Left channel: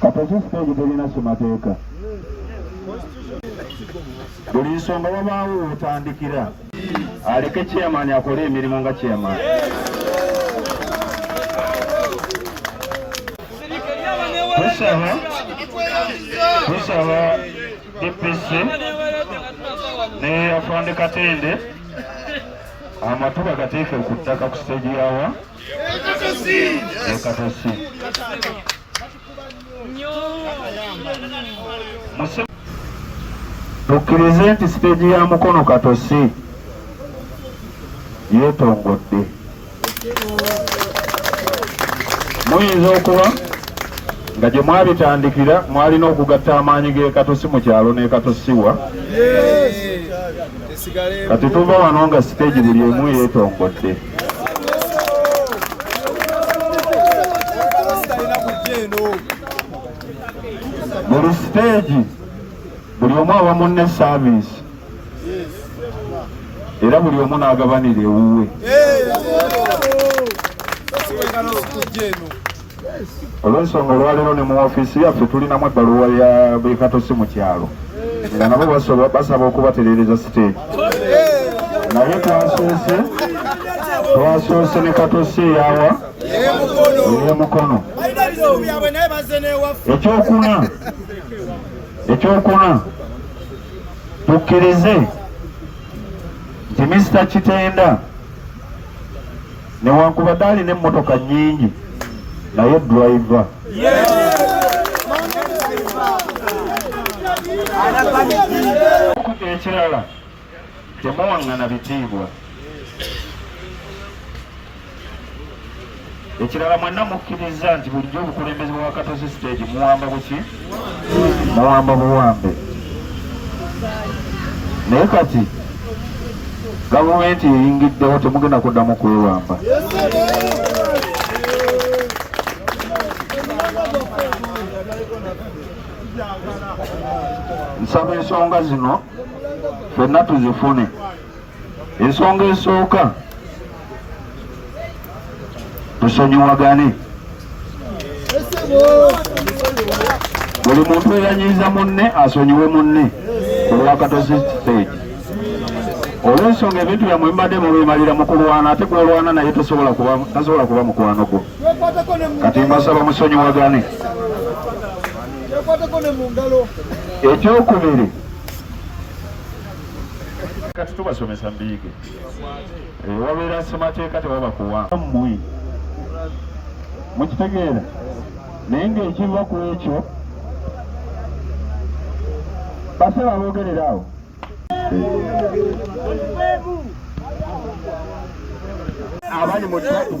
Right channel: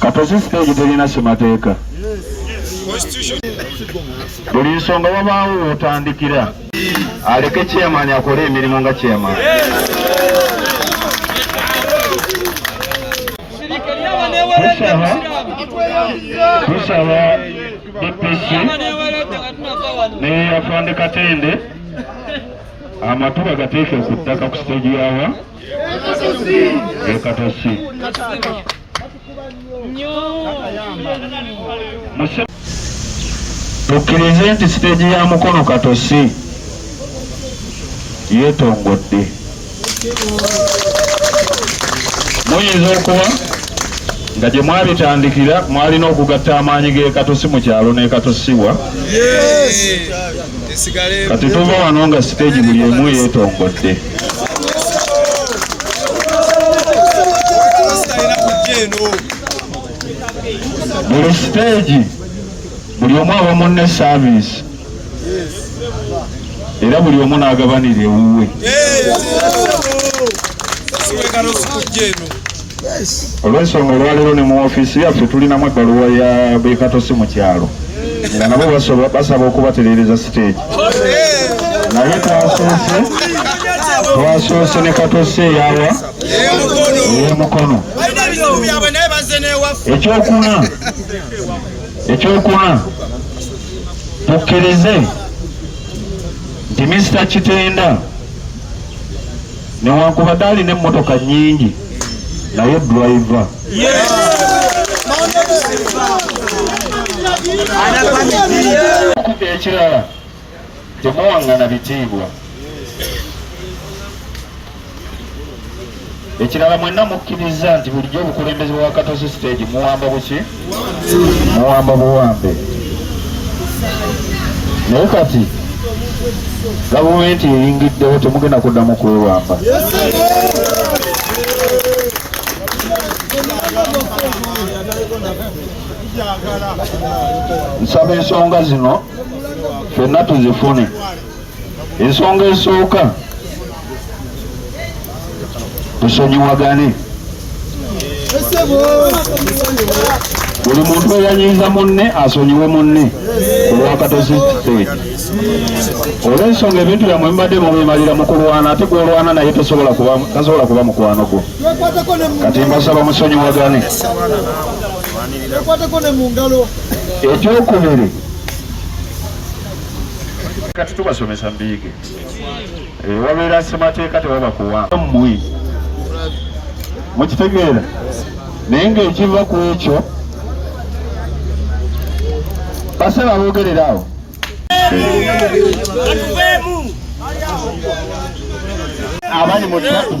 Katosi stage terina semateeka. Buli nsonga wabaawo otandikira. Aleke chairman akole emirimu nga chairman. Tusaba DPC ne afande Katende amatuba gateeke ku ttaka ku stage yawa Katosi. Tukkirize nti stage ya Mukono Katosi yeetongodde. Muyinza okuba nga gye mwabitandikira mwalina okugatta amaanyi ge Katosi mu kyalo ne Katosiwa. Kati tuva wano nga stage buli emu yeetongodde. Buli stage buli omu aba munne service era buli omu n'agabanira ewuwe. Olw'ensonga olwaleero ne mu ofiisi yaffe tulinamu ebbaluwa ya Katosi mu kyalo nga nabo basaba okubatereereza stage. Naye twasoose ne Katosi eyawa ey'Emukono. Ekyokuna tukkirize nti Mr. Kitenda newankubadde alina emmotoka nnyingi naye driver. Ekirala temuwaŋŋana bitiibwa. Ekirala mwenna mukkiriza nti bulijjo obukulembeze bwa Katosi stage muwamba buki? Muwamba buwambe. Naye kati gavumenti eyingiddewo temugenda kuddamu kwewamba. Nsaba ensonga zino ffenna tuzifune. Ensonga esooka tusonyiwagane. Buli muntu eyanyiiza munne asonyiwe munne ku lwa Katosi stage. Olw'ensonga ebintu byammwe mbadde mubimalira mu kulwana ate gwolwana naye tasobola kuba mukwano gwo. Kati mbasaba musonyiwagane. Ekyokubiri kati tubasomesa mbiige. Wabeera ssemateeka tewaba kuwamba mmwe. Mukitegeera? Naye ng'ekiva ku ekyo basaba boogerera awo. Abali mu traffic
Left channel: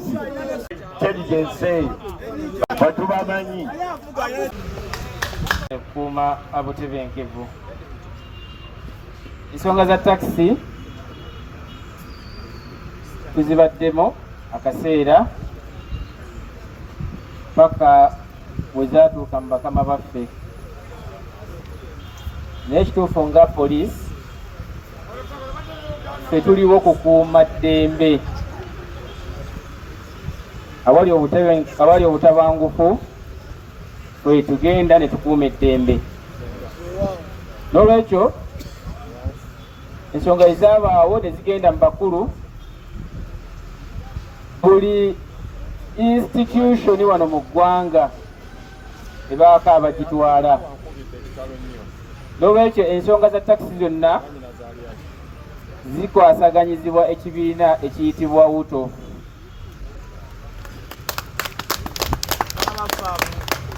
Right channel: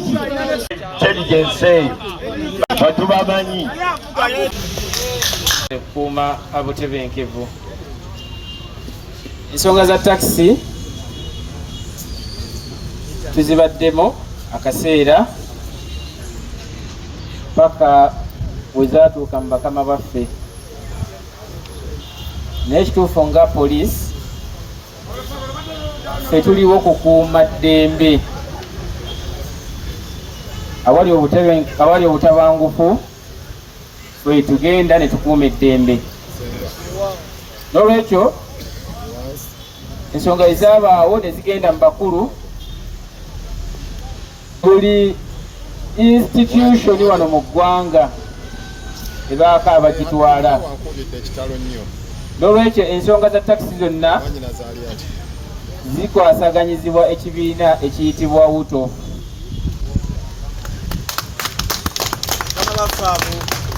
intelligence batubamanyi kuuma abutebenkevu. Ensonga za taxi tuzibaddemu akaseera paka wezaatuuka mu bakama baffe. Naye ekituufu nga poliisi ffe tuliwo kukuuma ddembe. Awali obutabangufu ffe tugenda ne tukuuma eddembe. N'olwekyo ensonga ezaabaawo ne zigenda mu bakulu, buli institution wano mu ggwanga ebaako abagitwala. N'olwekyo ensonga za takisi zonna zikwasaganyizibwa ekibiina ekiyitibwa WUTO.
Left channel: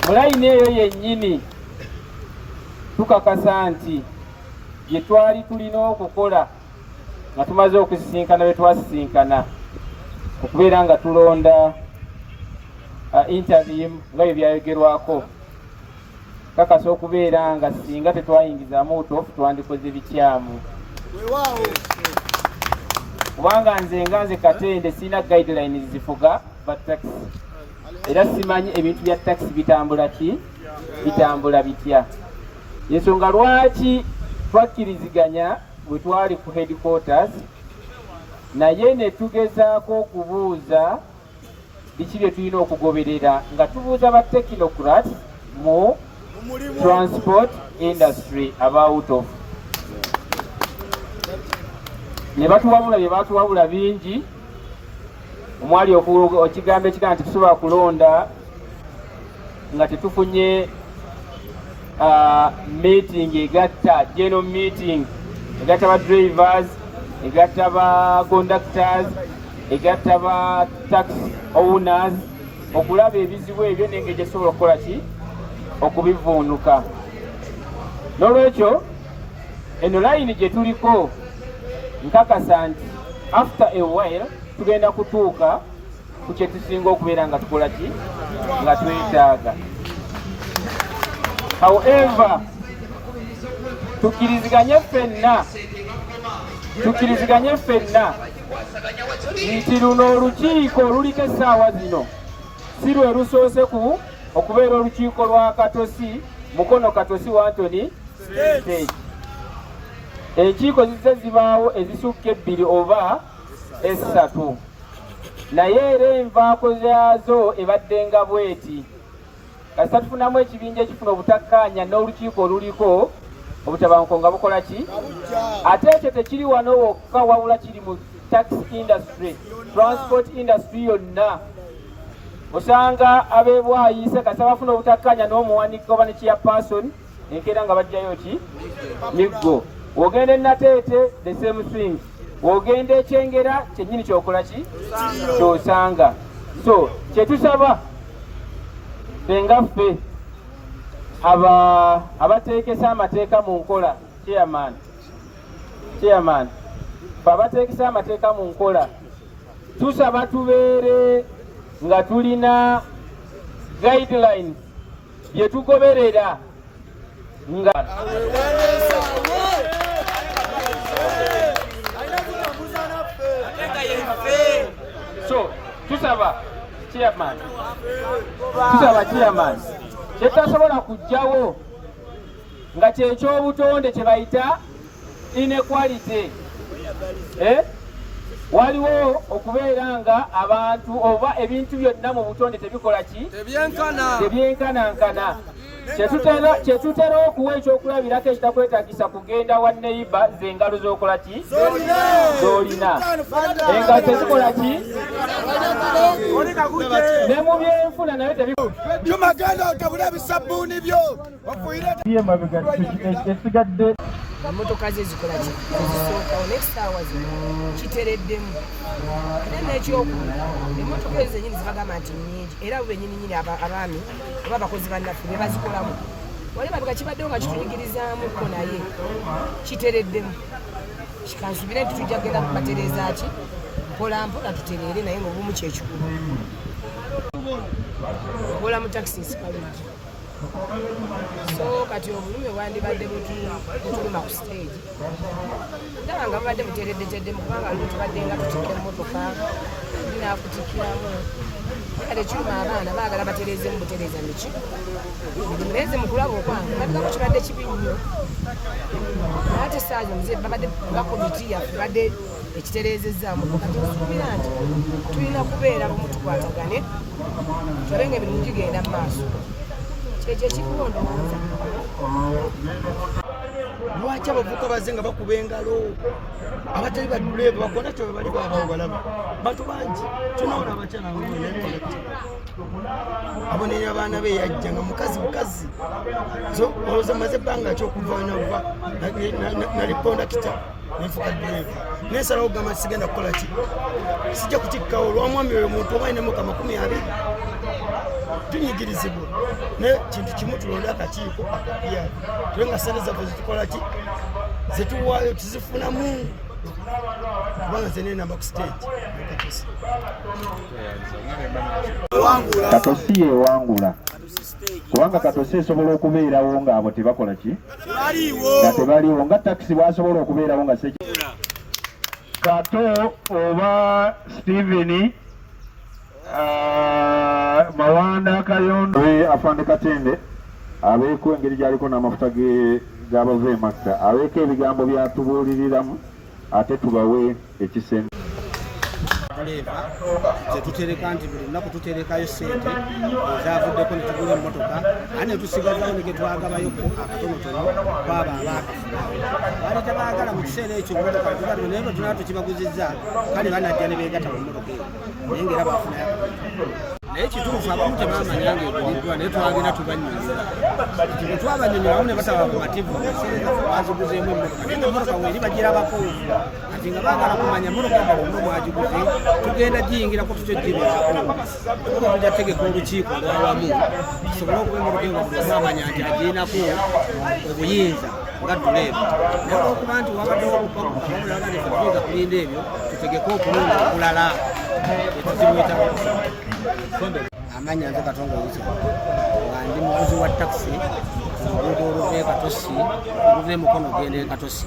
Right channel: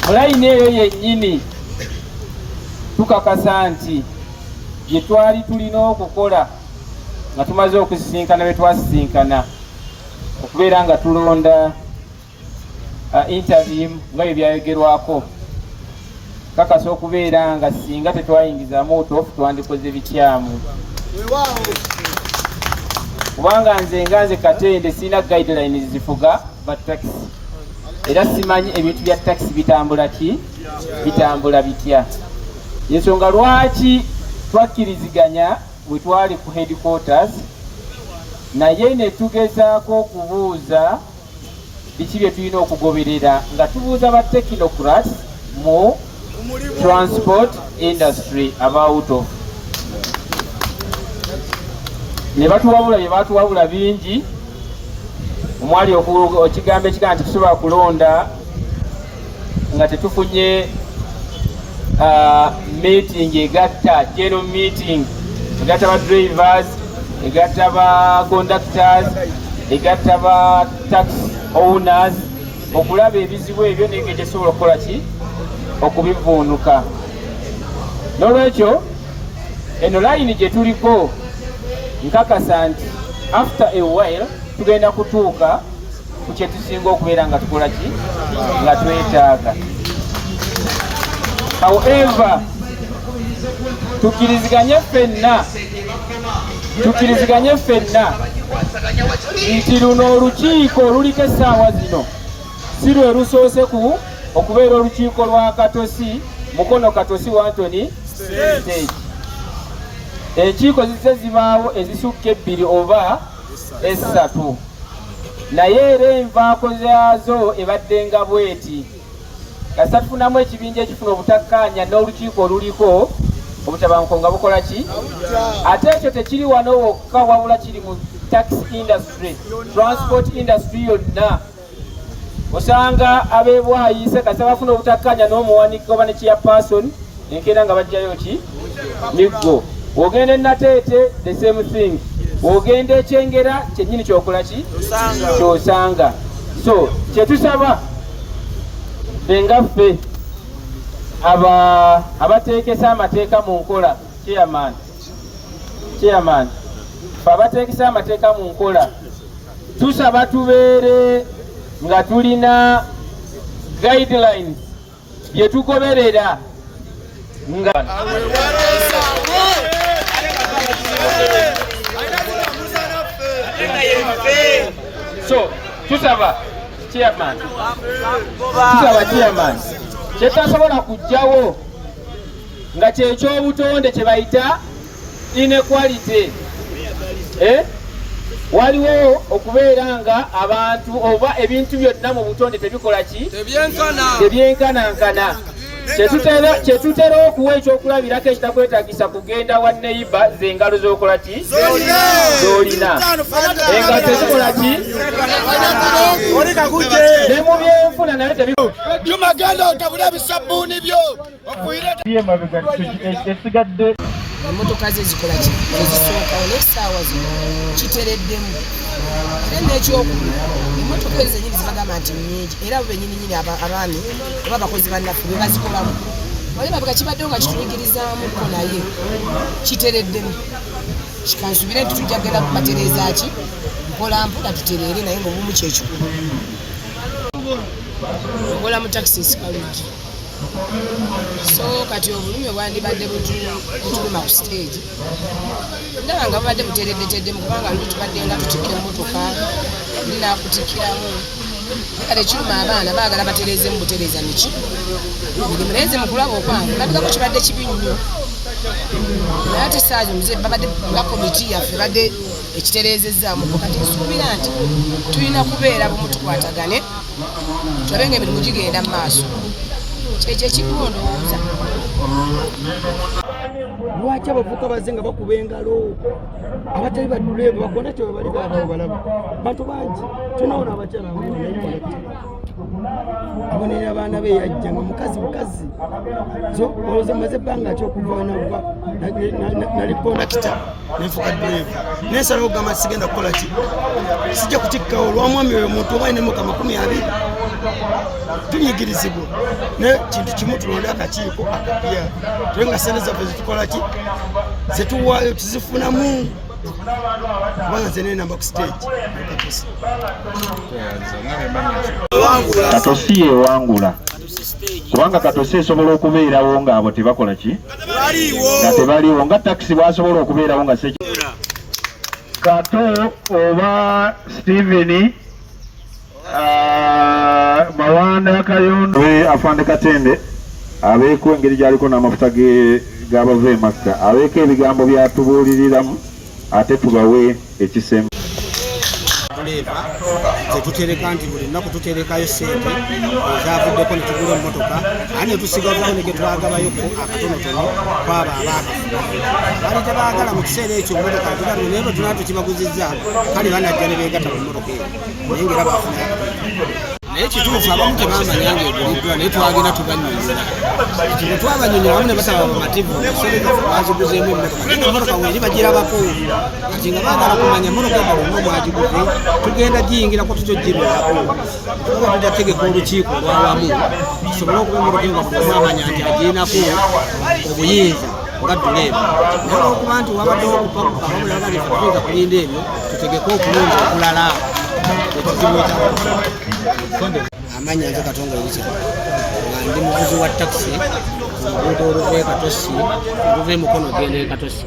Mu layini eyo yennyini tukakasa nti gye twali tulina okukola nga tumaze okusisinkana be twasisinkana okubeera nga tulonda interview nga bye byayogerwako, kakasa okubeera nga singa tetwayingizamu otofu twandikoze bikyamu. Kubanga nze Katende sina guidelines zifuga ba taxi, era simanyi ebintu bya taxi bitambula bitya. Yensonga lwaki twakkiriziganya bwe twali ku headquarters naye ne tugezaako okubuuza biki bye tulina okugoberera nga tubuuza ba technocrats mu transport industry about of ne batuwabula bye batuwabula bingi. Omwali ekigambo ekigamba nti tusobola kulonda nga tetufunye meeting egatta general meeting egatta ba drivers, egatta ba conductors, egatta ba tax owners, okulaba ebizibu ebyo n'engeri gyesobola okukola ki okubivuunuka. N'olwekyo eno layini gye tuliko nkakasa nti after a while tugenda kutuuka ku kye tusinga okubeera nga tukola ki nga twetaaga. However, tukkiriziganye ffenna nti luno olukiiko oluliko essaawa zino si lwe lusoose ku okubeera olukiiko lwa Katosi Mukono Katosi Anthony stage. Enkiiko zizze zibaawo ezisukka 2 oba 3, naye era envaako zaazo ebadde nga bweti. Kasita tufunamu ekibinja ekifuna obutakkaanya n'olukiiko oluliko obutabanguko nga bukola ki? Ate ekyo tekiri wano wokka, wabula kiri mu tax industry, transport industry yonna. Osanga ab'ebwayiise kasita bafuna obutakkaanya n'omuwanika oba ne chairperson enkeera nga bajjayo ki? Miggo. Wogenda e Nateete the same thing. Wogenda ekyengera kyennyini kyokola ki? Kyosanga. So kyetusaba bengaffe abateekesa amateeka mu nkola, chairman fe abateekesa amateeka mu nkola, tusaba tubeere nga tulina guidelines bye tugoberera nga so tusaba chairman kyetasobola kujjawo nga kyekyobutonde kye bayita inequality. Waliwo okubeera nga abantu oba ebintu byonna mu butonde tebikola ki? Tebyenkanankana. Kyetutera okuwa ekyokulabirako ekitakwetaagisa kugenda wa neighbor ze engalo z'okola ki? Z'olina. Engalo tezikola ki? Ne mu byenfuna nayo tebikola. Juma genda otabula bisabbuuni byo esigadde emmotoka ze zikola ki? Ezisookawo n'essaawa zino kitereddemu. Era n'ekyokulu emmotoka ezo zennyini zibagamba nti nnyingi, era bo bennyininyini abaami oba abakozi bannaffe be bazikolamu. Wali mabega kibaddewo nga kituyigirizaamukko naye kitereddemu. Kikansubire nti tujja kgenda kubatereeza ki? Mpola mpola tutereere naye ng'obumu kyekikulu. Nkola mu taxis Kalungi. So kati obulumi bwandibadde butuluma ku stage. Ndaba nga bubadde butereddeteddemu kubanga luli tubadde nga tutikka emmotoka ndinaakutikiramu. Kale kiruma abaana baagala batereezemu butereeza miki. Emirimu naye mu kulaba okwange ndabikako kibadde kibi nnyo. Naye ate essaazi omuze babadde nga komiti yaffe badde ekitereezezzaamu. Kati nsuubira nti tulina kubeera bumu tukwatagane tulabe ng'emirimu gigenda mu maaso. Kyekyo ekikulu ndowooza. lwaki abavubuka bazze nga bakuba engalo abatali baduleevu bakona kyo bali babawo balaba bantu bangi tunaona abakyala nayekolekti abonera abaana be yajja nga mukazi bukazi so olowooza maze ebbanga kyokuva wenava nali kondakita nenfuka duleevu nensalawo gamba sigenda kukola ki sijja kutikkawo lwamwami oyo muntu oba inemuka 20 tunyigirizibwa naye kintu kimu tulonde akakiiko akapya tule nga sente zaffe zitukola ki zetuwaayo tuzifunamu kubanga nze nenamba ku stage Katosi yewangula kubanga Katosi esobola okubeerawo ng'abo tebakola ki nga tebaliwo nga takisi bwasobola okubeerawo nga seki Kato oba Steven Mawanda Kayondo afande Katende abeeko engeri gyaliko n'amafuta g'abava Makka abeeko ebigambo byatubuuliriramu ate tubawe ekisembe duleeva ze tutereka nti buli lunaku tuterekayo ssente ezavuddeko ne tugula emmotoka ate ne tusigazawo ne ge twagabayoko akatonotono kwabo abaakafuna baali tebaagala mu kiseera ekyo emmotoka tugambye naye bwe tunaa tukibaguzizza kale banajja ne beegatta ku mmotoka eyo naye ngera baafunayo akatonotono naye kituufu abamu tebamanya ng'eguliddwa naye twagenda tubannyonnyola ati bwe twabanyonnyola abamu ne basaba bamativu ekiseera baziguzeemu emmotoka naye emmotoka weeri bagirabako kati nga baagala kumanya emmotoka eddala olno mwagiguze tugenda giyingirako tutyo gibeerako tuba tujja tegeka olukiiko olwawamu tusobole okuba emmotoka eyo nga buli omu amanya nti agirinako obuyinza nga duleeva naye olwokuba nti wabaddewo okupakupa bamulaba nti tuyinza kulinda ebyo tutegeke okulungi okulala ekizibu ekyako amanya nze Katonga Erisa nga ndi muvuzi wa takisi ku luguudo oluva e Katosi oluva e Mukono ogenda e Katosi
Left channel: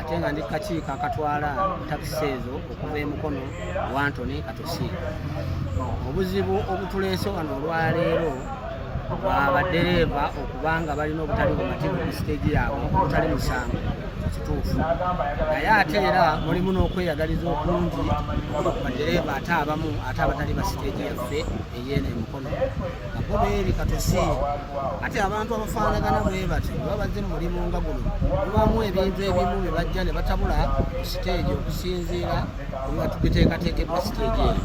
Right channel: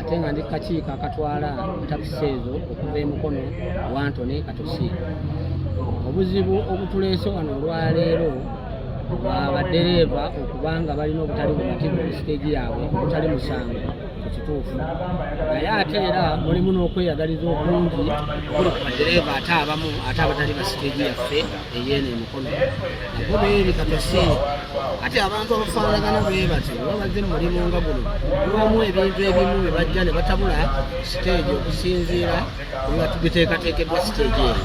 ate nga ndi kakiiko akatwala takisi ezo okuva e Mukono wa Antony Katosi. Obuzibu obutuleese wano olwaleero abaddereeva okubanga balina obutali bumativu ku siteegi yaabwe obutali musango ku kituufu naye ate era mulimu n'okweyagaliza okungi okuli ku baddereeva ate abamu ate abatali ba siteegi yaffe eyeeno e Mukono nabo beeri Katosi ate abantu abafaanagana bwe bati oba bazze mu mulimu nga guno mubamu ebintu ebimu bye bajja ne batabula siteegi okusinziira nga tugiteekateekeddwa siteegi eyo.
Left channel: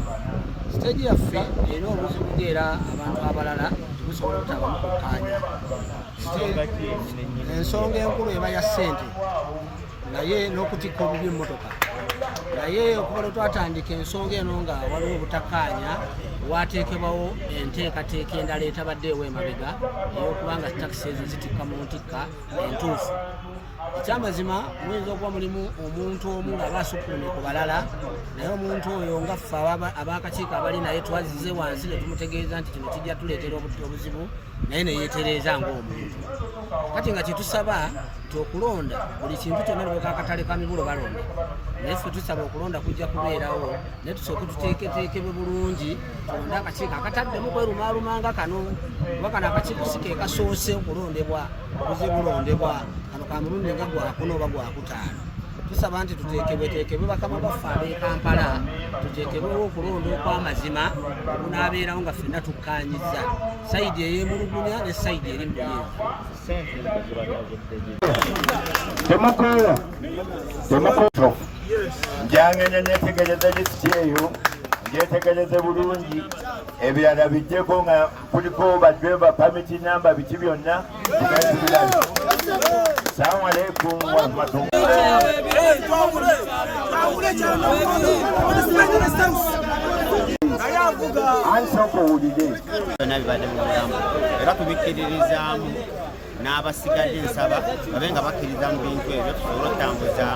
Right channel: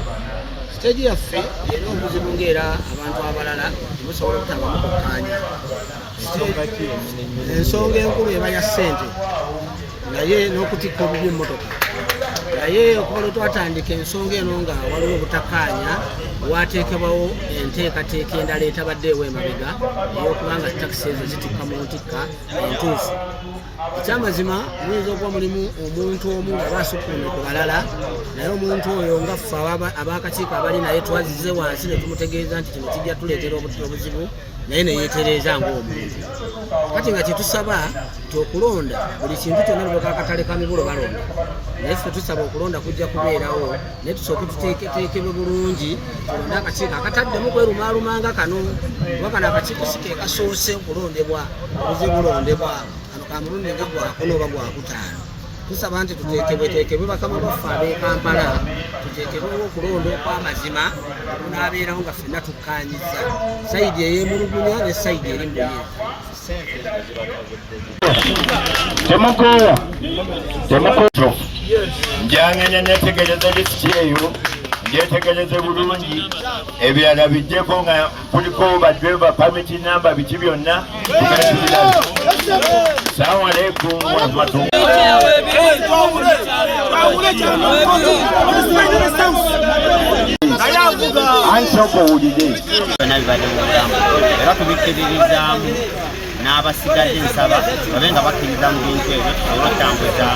Siteegi yaffe erina obuzibu ng'era abantu abalala tebusobola okutabamu kukkaanya. Ensonga enkulu eba ya ssente naye n'okutikka obubi emmotoka naye okuba lwe twatandika ensonga eno nga waliwo obutakkaanya wateekebwawo enteekateeka endala etabaddeewo emabega ey'okubanga takisi ezo zitikka mu ntikka entuufu. Ekyamazima muyinza okuba mulimu omuntu omu ng'aba asukuumye ku balala naye omuntu oyo nga ffe ab'akakiiko abali naye twazizze wansi ne tumutegeeza nti kino kijja tuleetera obuzibu naye ne yeetereeza ng'omuntu. Kati nga kyetusaba nti okulonda buli kintu kyonna ne akatale ka mibolo balonda naye ffe tusaba okulonda kujja kubeerawo naye tusooke tuteeketeekebwe bulungi tulonde akakiiko akataddemu kwerumaalumanga kano kuba kano akakiiko si ke kasoose okulondebwa obuze bulondebwa kano ka mulundi nga gwakuna oba gwakutaano. Tusaba nti tuteekebweteekebwe bakama baffe ab'e Kampala tuteekebwewo okulonda okw'amazima okunaabeerawo nga ffenna tukkaanyiza sayidi ey'emulugunya ne sayidi eri mu buyinza. Temukoowa njangene netegereza lisiti eyo njetegereze bulungi ebirala bijjeko nga kuliko badreva pamiti namba biki byonna tugatubiramu. Salamu alaikum warahmatullahi. Ansoko owulire era tubikkiririzaamu n'abasigadde nsaba babe nga bakkiriza mu bintu ebyo tusobole okutambuza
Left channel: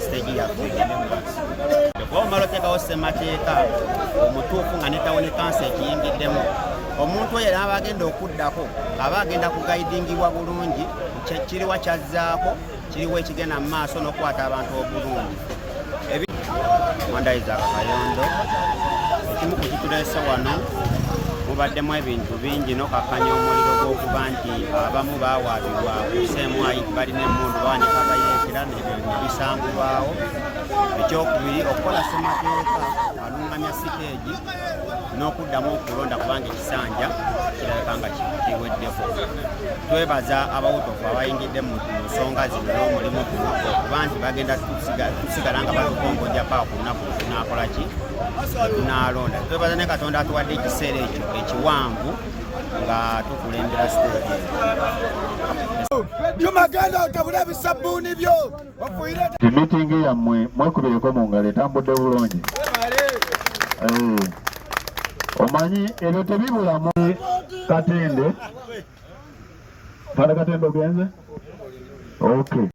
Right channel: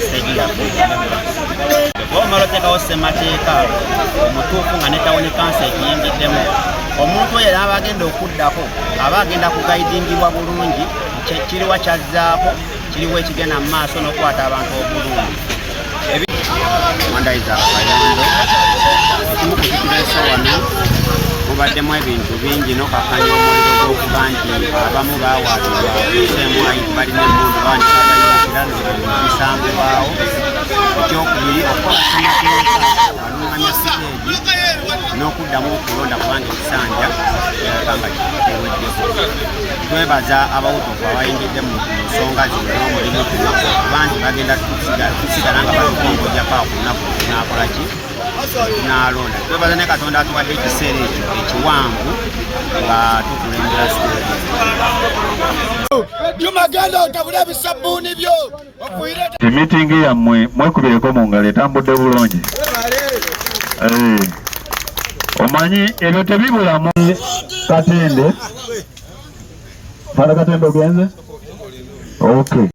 siteegi yaffe. Bwe omala oteekawo ssemateeka omutuufu nga ne tawuni kansa ekiyingiddemu omuntu oyo aba agenda okuddako aba agenda kugayidingibwa bulungi kiriwa kyazzaako kiriwo ekigenda mu maaso n'okukwata abantu obulungi. Mwandayiza Kayondo ekimu ku kituleese wano mubaddemu ebintu bingi n'okakanya omuliro gw'okuba nti abamu baawaatibwa kuseemu balina emmundu bawanika abayingira nebisangibwawo. Ekyokubiri okukola ssemateeka alunganya siteegi n'okuddamu okulonda kubanga ekisanja kirabika nga kiweddeko. Twebaza abawutufu abayingidde mu nsonga zino n'omulimu guno okuba nti bagenda tusigala nga batukongoja paa ku lunaku tunaakola ki tunaalonda. Twebaza ne Katonda atuwadde ekiseera ekyo ekiwanvu nga tukulembera siteegi. Jumagenda otabule ebisabbuuni byo okwire mitingi yammwe mwekubireko mu ngalo etambudde bulungi. Omanyi ebyo tebibulamu. Katende Fala Katende ogenze? Okay.